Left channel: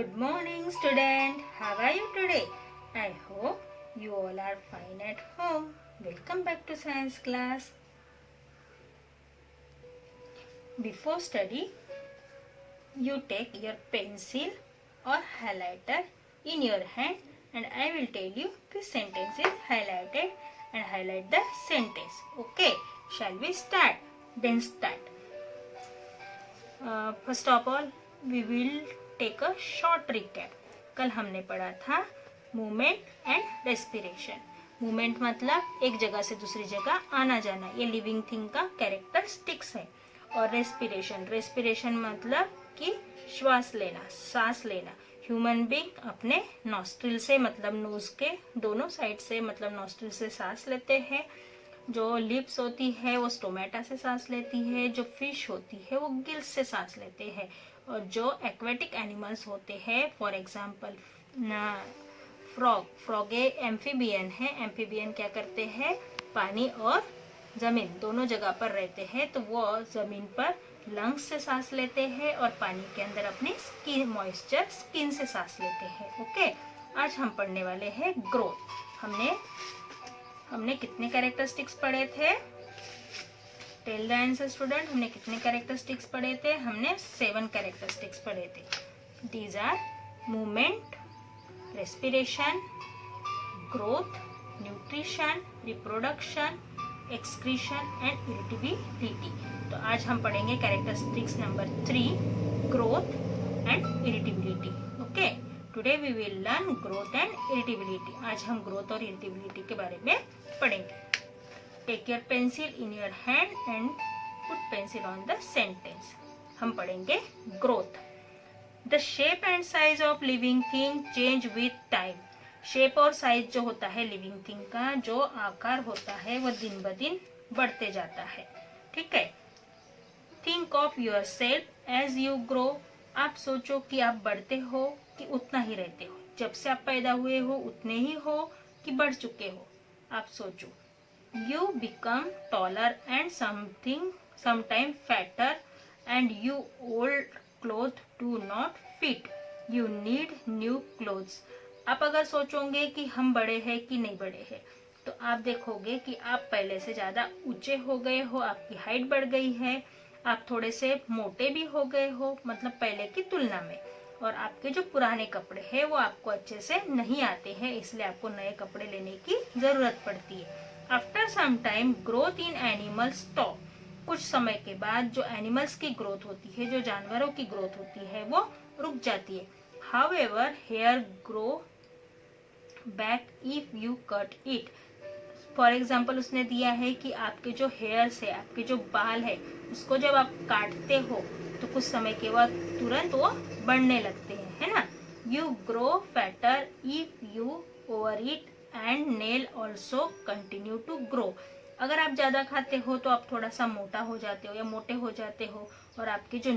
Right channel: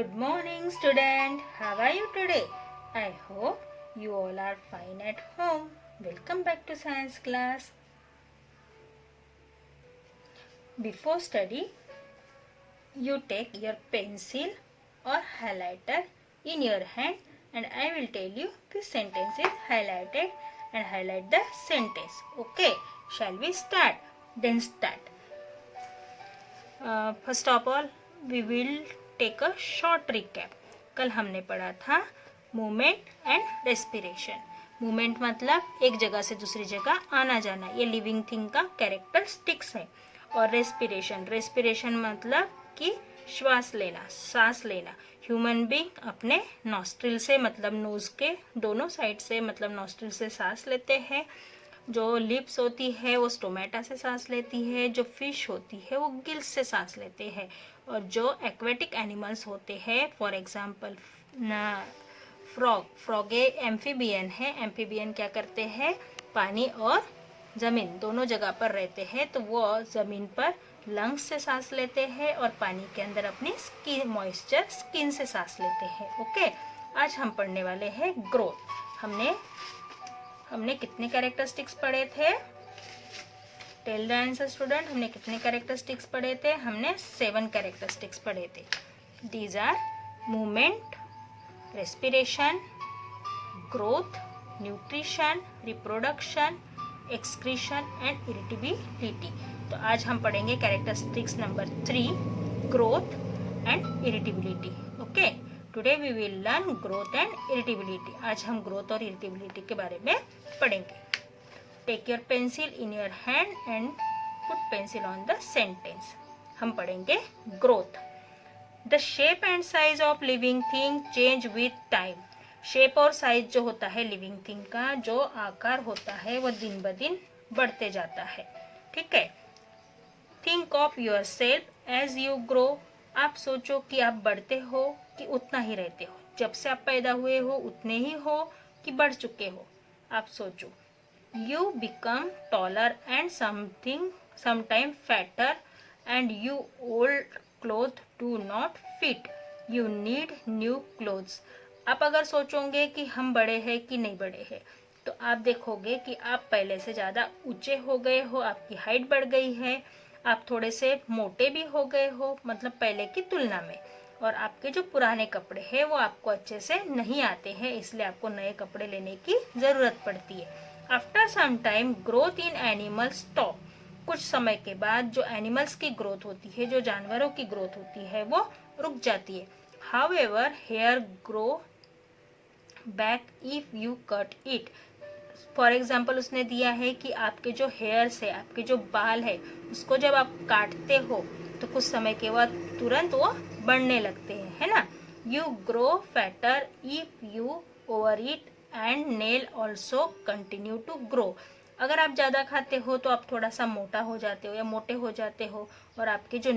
Good morning, student. How are you today? I hope you all are fine at home. Welcome back to science class. Before study, you take your pencil or highlighter in your hand and I will tell you the sentence is highlighted and highlight the sentence. Okay, shall we start? Then start. First of all, we will take a short recap. कल हमने पढ़ा था movement and respiration. Movement मतलब एक जगह से दूसरी जगह आना जाना, ये लिविंग थिंग का कैरेक्टरिस्टिक्स है. और रेस्पिरेशन मतलब कि श्वास लेना, सांस लेना. ह्यूमन बीइंग अपने नॉस्ट्रिल से मतलब नोज के दोनों साइड से मतलब नॉस्ट्रिल से सांस लेते हैं. जो लिप्स होती है वो स्टोमेटा से सांस लेती है. जो फिश होती है वो गिल्स से सांस लेते हैं. और जो एक्वेटिक एनिमल्स होते हैं, फॉर एग्जाम्पल फ्रॉग एम्फीबियन है. एम्फीबियन क्या करते हैं, पानी और जमीन दोनों जगह पर रहते हैं, तो वो जमीन पर लंग्स से सांस लेते हैं और पानी के अंदर अपनी स्किन मॉइस्चर स्किन से सांस लेते हैं. ओके, आज हम पढ़ने वाले हैं ग्रोथ. हमने कितने कैरेक्टरिस्टिक्स पढ़े थे? Tell the answer student. हमने कितने कैरेक्टरिस्टिक्स पढ़े थे? हमने 7 कैरेक्टरिस्टिक्स पढ़े थे. These are movement, respiration, growth, nutrition, reproduction, excretion and irritability. तो आज हम पढ़ेंगे characteristics number 3, growth and irritability. Okay, today we will learn growth and irritability. आज हम ग्रोथ और इरिटेबिलिटी के बारे में पढ़ेंगे. Take your pencil in your hand and put pencil on the sentence. हम पढ़ेंगे growth. The shape and size of living thing change with time. Shape और साइज जो होता है लिविंग थिंग का, जो आकार होता है वो दिन ब दिन बढ़ते जाता है. ठीक है. Think of yourself as you grow. आप सोचो कि आप बढ़ते हो कि उतना ही रहते हो. जब से आप पैदा हुए हो उतने ही हो कि बढ़ चुके हो. आप सोचो. You become taller and sometime fatter and you old clothes do not fit. You need new clothes. आप अगर सोचोगे कि हम बड़े हैं कि नहीं बड़े हैं, तो आप देखोगे कि आप पहले से ज्यादा ऊंचे हो गए हो, आपकी हाइट बढ़ गई है, आप थोड़े से मोटे भी हो गए हो मतलब पहले की तुलना में. और आपके जो पुराने कपड़े हैं वो आपको अच्छे से नहीं आते हैं, इसलिए आपको नए कपड़े लेने की जरूरत पड़ती है. After some time growth in animals stop. कुछ समय के बाद जो एनिमल्स की ग्रोथ होती है, जो जानवरों की ग्रोथ होती है, वो रुक जाती है. However hair grow back if you cut it. For example उसने दिया है कि आपके जो हेयर्स है, आपके जो बाल है, उसको जब आप काटते हो तो कुछ समय के बाद तुरंत वो बढ़ने लगते हैं, है ना. You grow fatter if you overeat and nail also continue to grow. अगर आप ज्यादा खाते हो तो आप थोड़ा सा मोटा हो जाते हो या मोटे हो जाते हो और आपके जो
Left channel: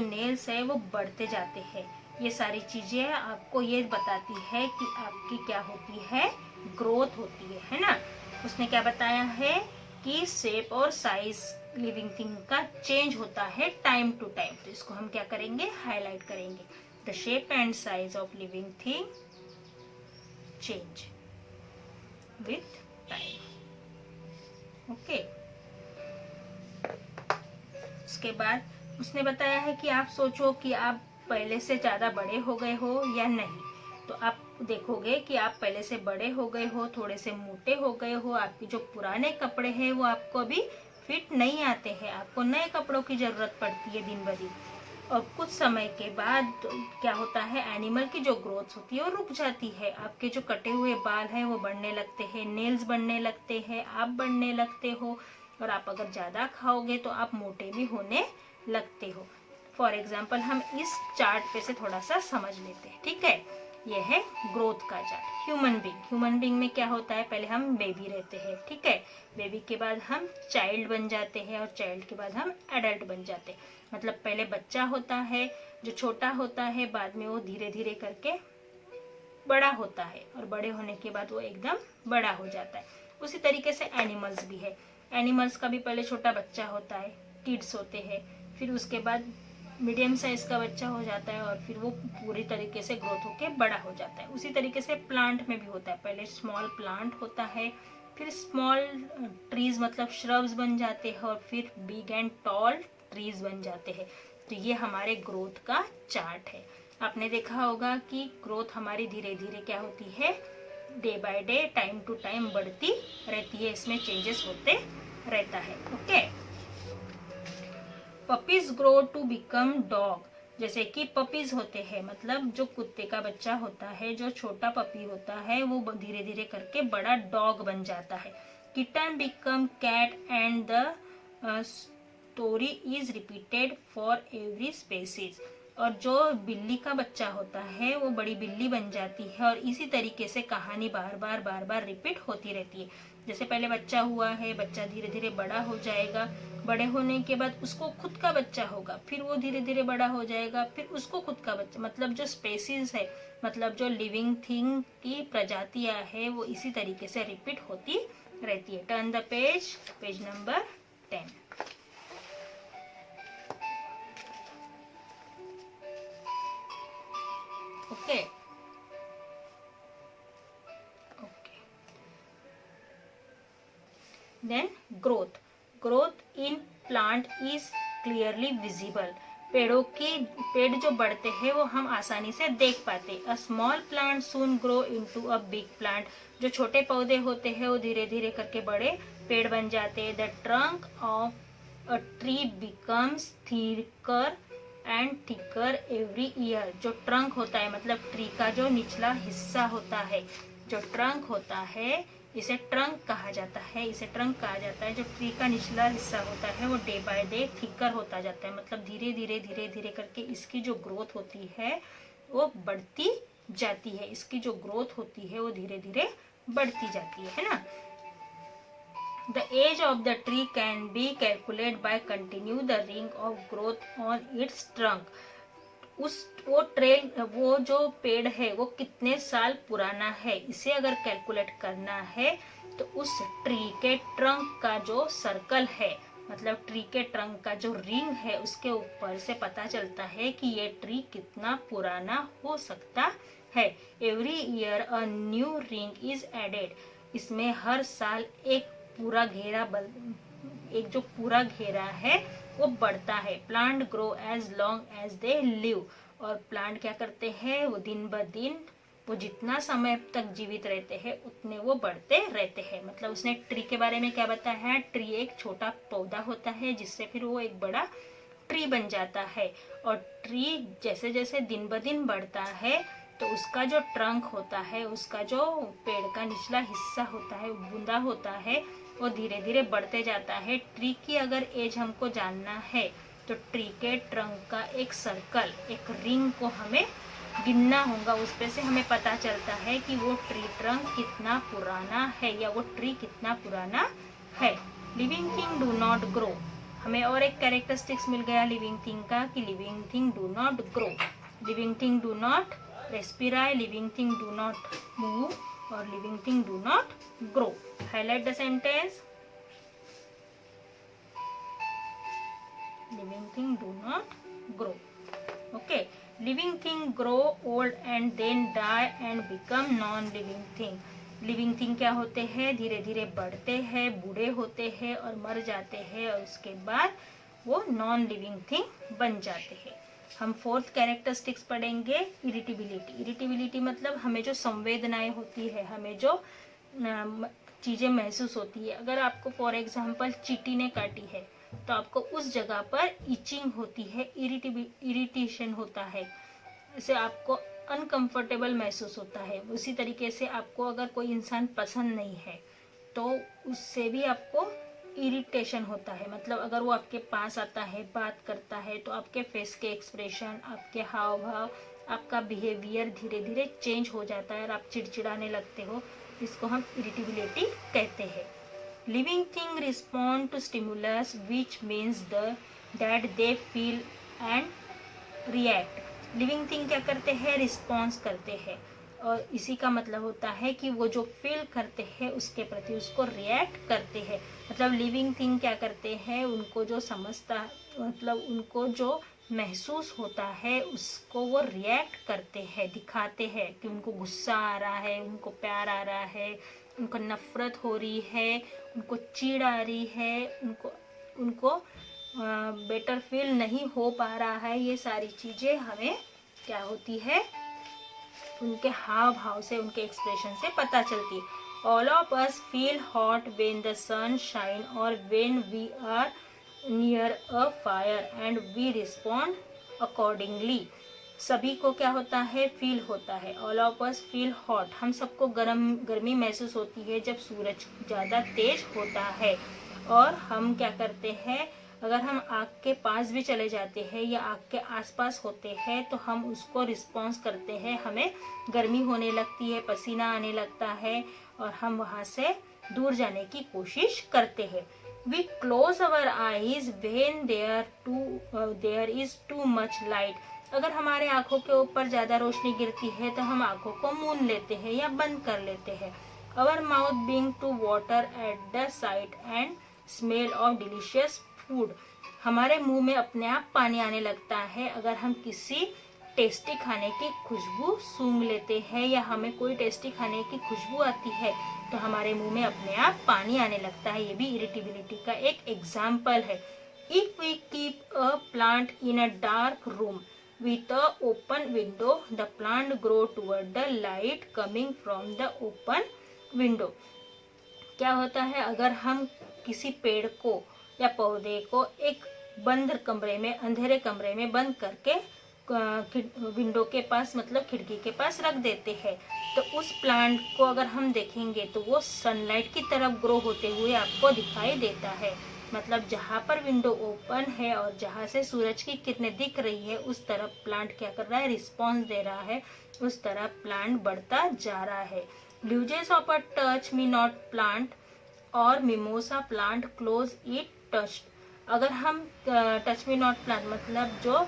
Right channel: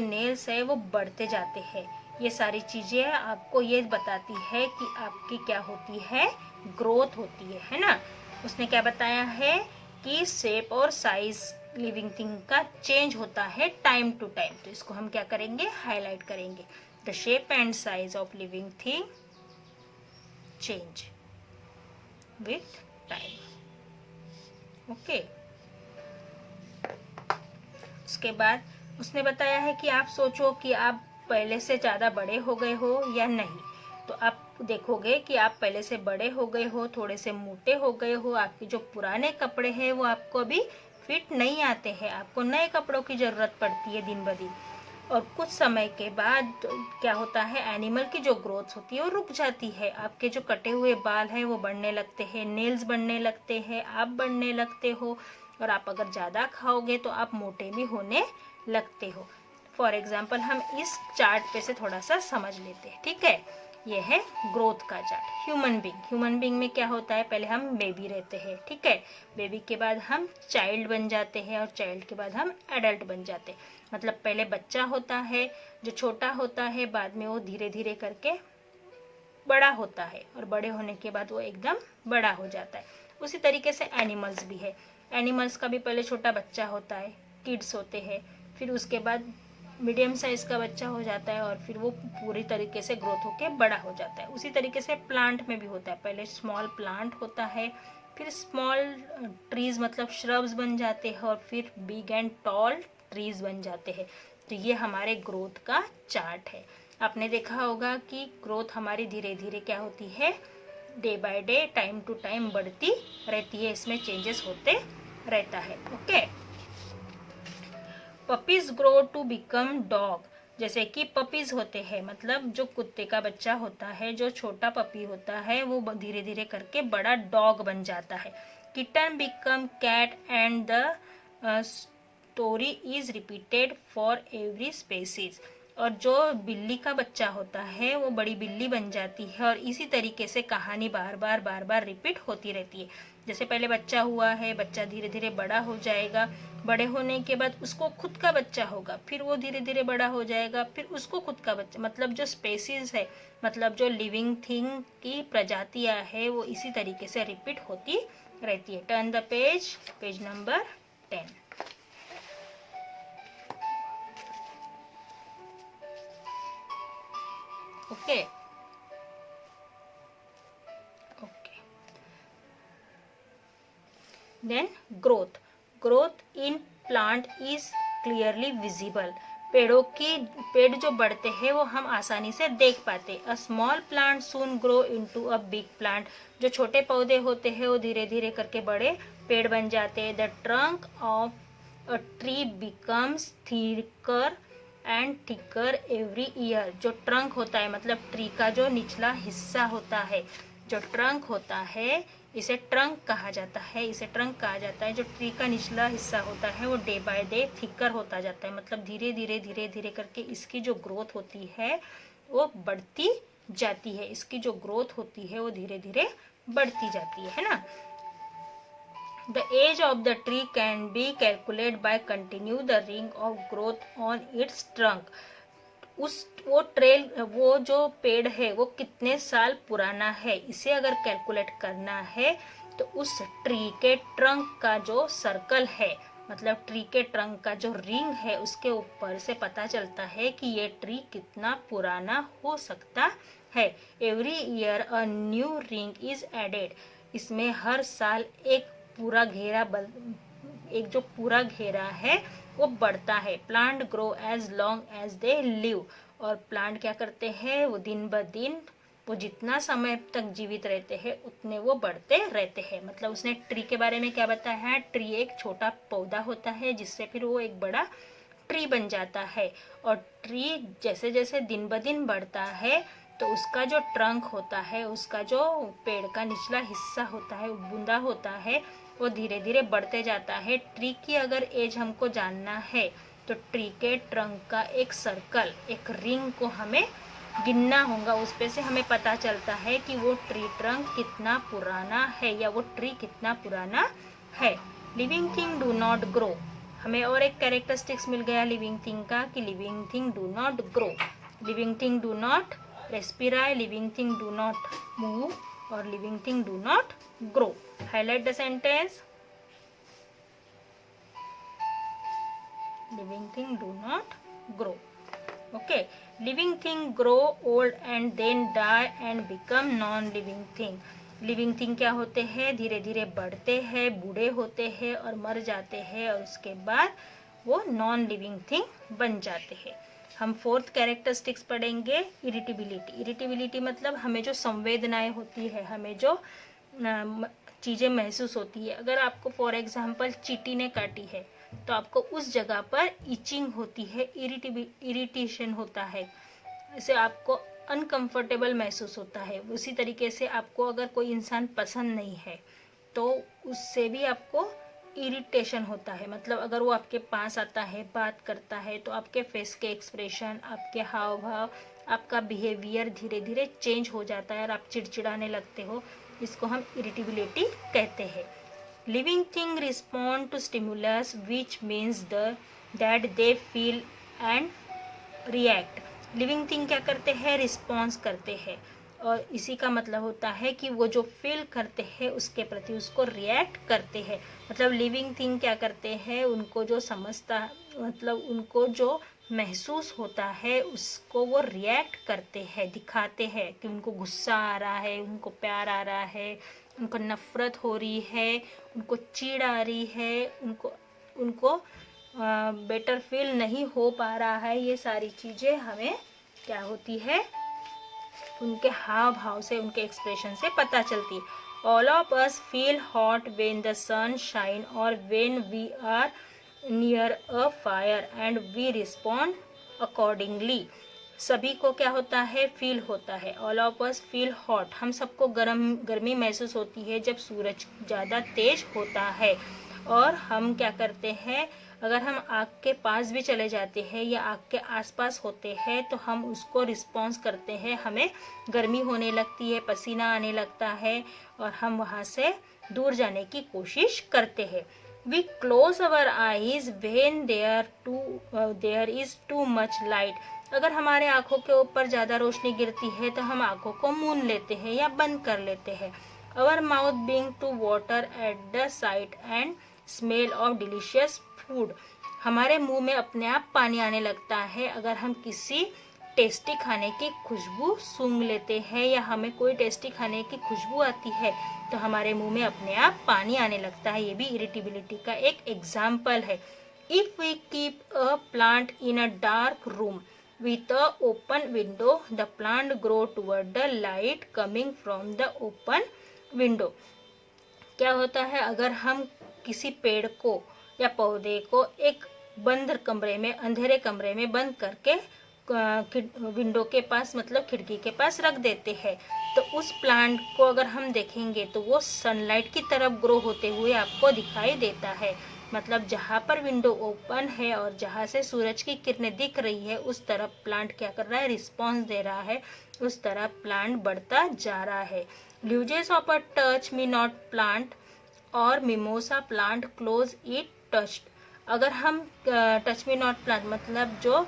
नेल्स है वो बढ़ते जाते हैं. ये सारी चीजें आपको ये बताती है कि आपकी क्या होती है, ग्रोथ होती है ना. उसने क्या बताया है कि शेप और साइज लिविंग थिंग का चेंज होता है टाइम टू टाइम. तो इसको हम क्या करेंगे, हाईलाइट करेंगे. The shape and size of living thing change with time. Okay. उसके बाद उसने बताया है कि आप सोचो कि आप पहले से ज्यादा बड़े हो गए हो या नहीं. तो आप देखोगे कि आप पहले से बड़े हो गए हो, थोड़े से मोटे हो गए हो. आपके जो पुराने कपड़े हैं वो आपको अभी फिट नहीं आते हैं, आपको नए कपड़ों की जरूरत पड़ती है दिन ब दिन. और कुछ समय के बाद क्या होता है, एनिमल की जो ग्रोथ होती है वो रुक जाती है. आपके जो कटे हुए बाल हैं वो बढ़ने लगते हैं, नेल्स बढ़ने लगते हैं, आप बढ़ने लगते हो. और आप अगर ज्यादा खाओगे तो आप मोटे भी होने लगते हो. फॉर एग्जाम्पल हम इस चार्ट पे से थोड़ा सा समझ लेते हैं. ठीक है, ये है ग्रोथ का चार्ट. ह्यूमन बीइंग में क्या होता है, पहले हम बेबी रहते हैं. ठीक है, बेबी के बाद हम चाइल्ड बन जाते हैं और चाइल्ड के बाद हम एडल्ट बन जाते हैं. मतलब पहले बच्चा होता है जो छोटा होता है, बाद में वो धीरे धीरे करके बड़ा होता है और बड़े होने के बाद वो एकदम बड़ा हो जाता है. उसी तरीके से एनिमल्स भी है. एनिमल्स का भी पहले छोटा बच्चा होता है, किड्स होते हैं, फिर उसके बाद मीडियम साइज का बच्चा हो जाता है और फिर वो पूरी तरीके से ग्रोथ होके बड़ा हो जाता है। उसी तरीके से प्लांट में भी होता है, पहले स्मॉल प्लांट होता है, फिर स्मॉल ट्रीज मतलब श्रब्स बन जाते हैं और फिर बिग एंड टॉल ट्रीज बन जाते हैं। तो ये हमारे ग्रोथ का चार्ट है। आपने देखा होगा कि ग्रोथ हमारी धीरे धीरे क्या होती है, day by day, time to time बढ़ती रहती है, इसमें चेंजेस होते रहता है। Okay, puppies grow to become dog. जैसे कि पपीज होते हैं मतलब जो कुत्ते का बच्चा होता है, जो छोटा पपी होता है वो धीरे धीरे करके बड़ा डॉग बन जाता है। Kitten become cat and the story is repeated for every species. और जो बिल्ली का बच्चा होता है वो बड़ी बिल्ली बन जाती है और इसी तरीके से कहानी बार बार रिपीट होती रहती है। जैसे पहले बच्चा हुआ है, बच्चा धीरे धीरे बड़ा हो जाएगा, बड़े होने के बाद उसको खुद का बच्चा होगा, फिर वो धीरे धीरे बड़ा हो जाएगा, फिर उसको खुद का बच्चा, मतलब जो स्पेसीज है, मतलब जो लिविंग थिंग की प्रजातियां है वो इसी तरीके से रिपीट होती रहती है। Turn the page, page number 10। Okay, then growth. Growth in plant is clearly visible. पेड़ जो बढ़ते हैं वो हम आसानी से देख पाते। A small plant soon grow into a big plant. जो छोटे पौधे होते हैं वो धीरे धीरे करके बड़े पेड़ बन जाते हैं। The trunk of a tree becomes thicker and thicker every year. जो ट्रंक होता है मतलब ट्री का जो निचला हिस्सा होता है, जो ट्रंक होता है इसे ट्रंक कहा जाता है, इसे ट्रंक कहा जाता है। जो ट्री का निचला हिस्सा होता है वो डे बाय डे थिकर होता जाता है, मतलब धीरे धीरे करके इसकी जो ग्रोथ होती है वो बढ़ती जाती है। इसकी जो ग्रोथ होती है वो धीरे धीरे बढ़ती जाती है ना। The age of the tree can be calculated by continue the ring of growth on its trunk. वो जो पेड़ है वो कितने साल पुराना है, इसे अगर कैलकुलेट करना है तो उस ट्री के ट्रंक का जो सर्कल है, मतलब ट्री के ट्रंक का जो रिंग है उसके ऊपर से पता चलता है कि ये ट्री कितना पुराना हो सकता है। Every year a new ring is added. इसमें हर साल एक जो पूरा घेरा है वो बढ़ता है। Plant grow as long as they live. और प्लांट क्या करते हैं, वो दिन ब दिन वो जितना समय तक जीवित रहते हैं उतने वो बढ़ते रहते हैं। मतलब उसने ट्री के बारे में क्या बताया है, ट्री एक छोटा पौधा होता है जिससे फिर वो एक बड़ा ट्री बन जाता है। और ट्री जैसे जैसे दिन ब दिन बढ़ता है तो उसका जो ट्रंक होता है, उसका जो पेड़ का निचला हिस्सा होता है, बूंदा होता है, वो धीरे धीरे बढ़ते जाता है। ट्री की अगर एज हमको जानना है तो ट्री के ट्रंक का एक सर्कल, एक रिंग को हमें गिनना होगा। उस पे से हमें पता चलता है कि वो ट्री ट्रंक कितना पुराना है या वो ट्री कितना पुराना है। Living thing do not grow. हमें और एक कैरेक्टरिस्टिक्स मिल गया लिविंग थिंग का कि living thing do not grow, living thing do not respire, living thing do not move और living thing do not grow. Highlight the sentence. Living thing do not grow. Okay, living thing grow old and then die and become non-living thing. Living thing क्या होते हैं, धीरे धीरे बढ़ते हैं, बूढ़े होते हैं और मर जाते हैं और उसके बाद वो नॉन लिविंग थिंग बन जाते हैं। हम फोर्थ कैरेक्टरिस्टिक्स पढ़ेंगे, इरिटेबिलिटी। इरिटेबिलिटी मतलब हमें जो संवेदनाएं होती है, हमें जो चीजें महसूस होती है। अगर आपको फॉर एग्जाम्पल चींटी ने काटी है तो आपको उस जगह पर इचिंग होती है, इरिटेशन होता है, इससे आपको अनकंफर्टेबल महसूस होता है। उसी तरीके से आपको अगर कोई इंसान पसंद नहीं है तो उससे भी आपको इरिटेशन होता है। मतलब अगर वो आपके पास आता है, बात करता है, तो आपके फेस के एक्सप्रेशन, आपके हाव भाव, आपका बिहेवियर धीरे धीरे चेंज हो जाता है और आप चिड़चिड़ाने लगते हो। इसको हम इरिटेबिलिटी कहते हैं। Living thing respond to stimulus which means that they feel and react. Living thing क्या करते हैं, रिस्पॉन्स करते हैं और इसी का मतलब होता है कि वो जो फील करते हैं उसके प्रति उसको रिएक्ट करते हैं। मतलब लिविंग थिंग क्या करते हैं, उनको जो समझता, मतलब उनको जो महसूस होता है उसको वो रिएक्ट करते हैं, दिखाते हैं कि उनको गुस्सा आ रहा है, उनको प्यार आ रहा है, उनको नफरत हो रही है, उनको चिढ़ आ रही है, उनको उनको बेटर फील नहीं हो पा रहा है। ये सारी चीज़ें हमें क्या होती है, उनके हाव भाव से, उनके एक्सप्रेशन से पता चलती। All of us feel hot when the sun shine और when we are near a fire and we respond accordingly. सभी को क्या होता है, फील होता है। All of us feel hot, हम सबको गर्मी महसूस होती है जब सूरज ज़्यादा तेज होता है। और हम क्या करते हैं, अगर हम आग के पास भी चले जाते हैं या आग के आसपास होते हैं तो हम उसको रिस्पॉन्स करते हैं, हमें गर्मी होने लगती है, पसीना आने लगता है और हम वहाँ से दूर जाने की कोशिश करते हैं। We close our eyes when there is too much light. अगर हमारे आंखों के ऊपर ज्यादा रोशनी गिरती है तो हम आंखों को मूंद लेते हैं या बंद कर लेते हैं। Our mouth begin to water at the sight and smell of delicious food. हमारे मुंह में अपने आप पानी आने लगता है अगर हम किसी टेस्टी खाने की खुशबू सूंघ लेते हैं या हमें कोई टेस्टी खाने की खुशबू आती है तो हमारे मुंह में अपने आप पानी आने लगता है। ये भी इरिटेबिलिटी का एक एग्जाम्पल है। If we keep a plant in a dark room with a open window the plant grow toward the light coming from the open window. क्या होता है, अगर हम किसी पेड़ को या पौधे को एक बंद कमरे में, अंधेरे कमरे में बंद करके विंडो के पास, मतलब खिड़की के पास रख देते हैं तो उस प्लांट को अगर हम देखेंगे तो वो सनलाइट की तरफ ग्रो होते हुए आपको दिखाई देता है। मतलब जहाँ पर विंडो ओपन है और जहाँ से सूरज की किरणें दिख रही है उस तरफ प्लांट क्या कर रहा है, रिस्पॉन्स दे रहा है, उस तरफ प्लांट बढ़ता जा रहा है। Leaves of a touch me not plant और mimosa plant close it touched. अगर हम टच मी नॉट प्लांट मतलब जो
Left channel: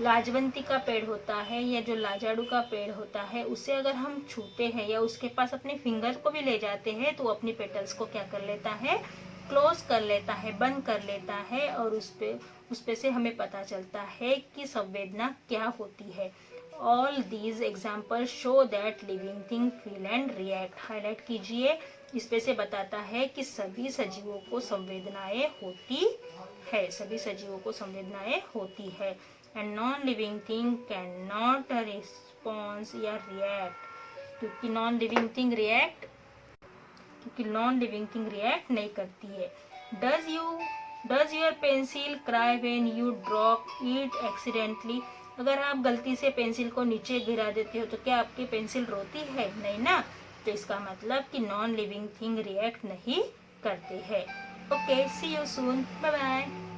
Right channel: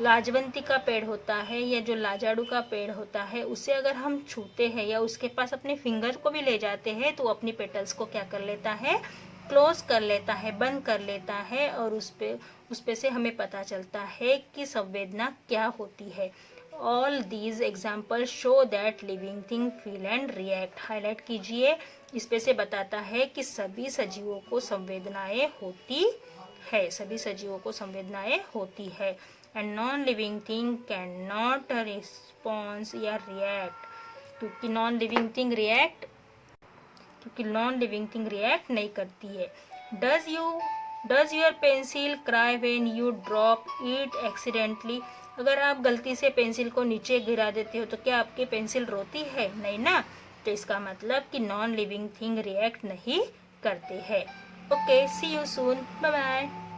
लाजवंती का पेड़ होता है या जो लाजाड़ू का पेड़ होता है उसे अगर हम छूते हैं या उसके पास अपने फिंगर को भी ले जाते हैं तो अपनी पेटल्स को क्या कर लेता है, क्लोज कर लेता है, बंद कर लेता है और उस पे से हमें पता चलता है कि संवेदना क्या होती है। All these example show that living thing feel and react. Highlight कीजिए, इस पे से बताता है कि सभी सजीवों को संवेदनाएं होती है, सभी सजीवों को संवेदनाएं होती है। And non living thing can not response या रिएक्ट, क्योंकि नॉन लिविंग थिंग रिएक्ट नहीं करती है। Does your pencil cry when you drop it accidentally. अगर आप गलती से पेंसिल को नीचे गिरा देते हो तो क्या आपकी पेंसिल रोती है, नहीं ना। तो इसका मतलब कि नॉन लिविंग थिंग रिएक्ट नहीं करते हैं। Okay, see you soon, bye bye.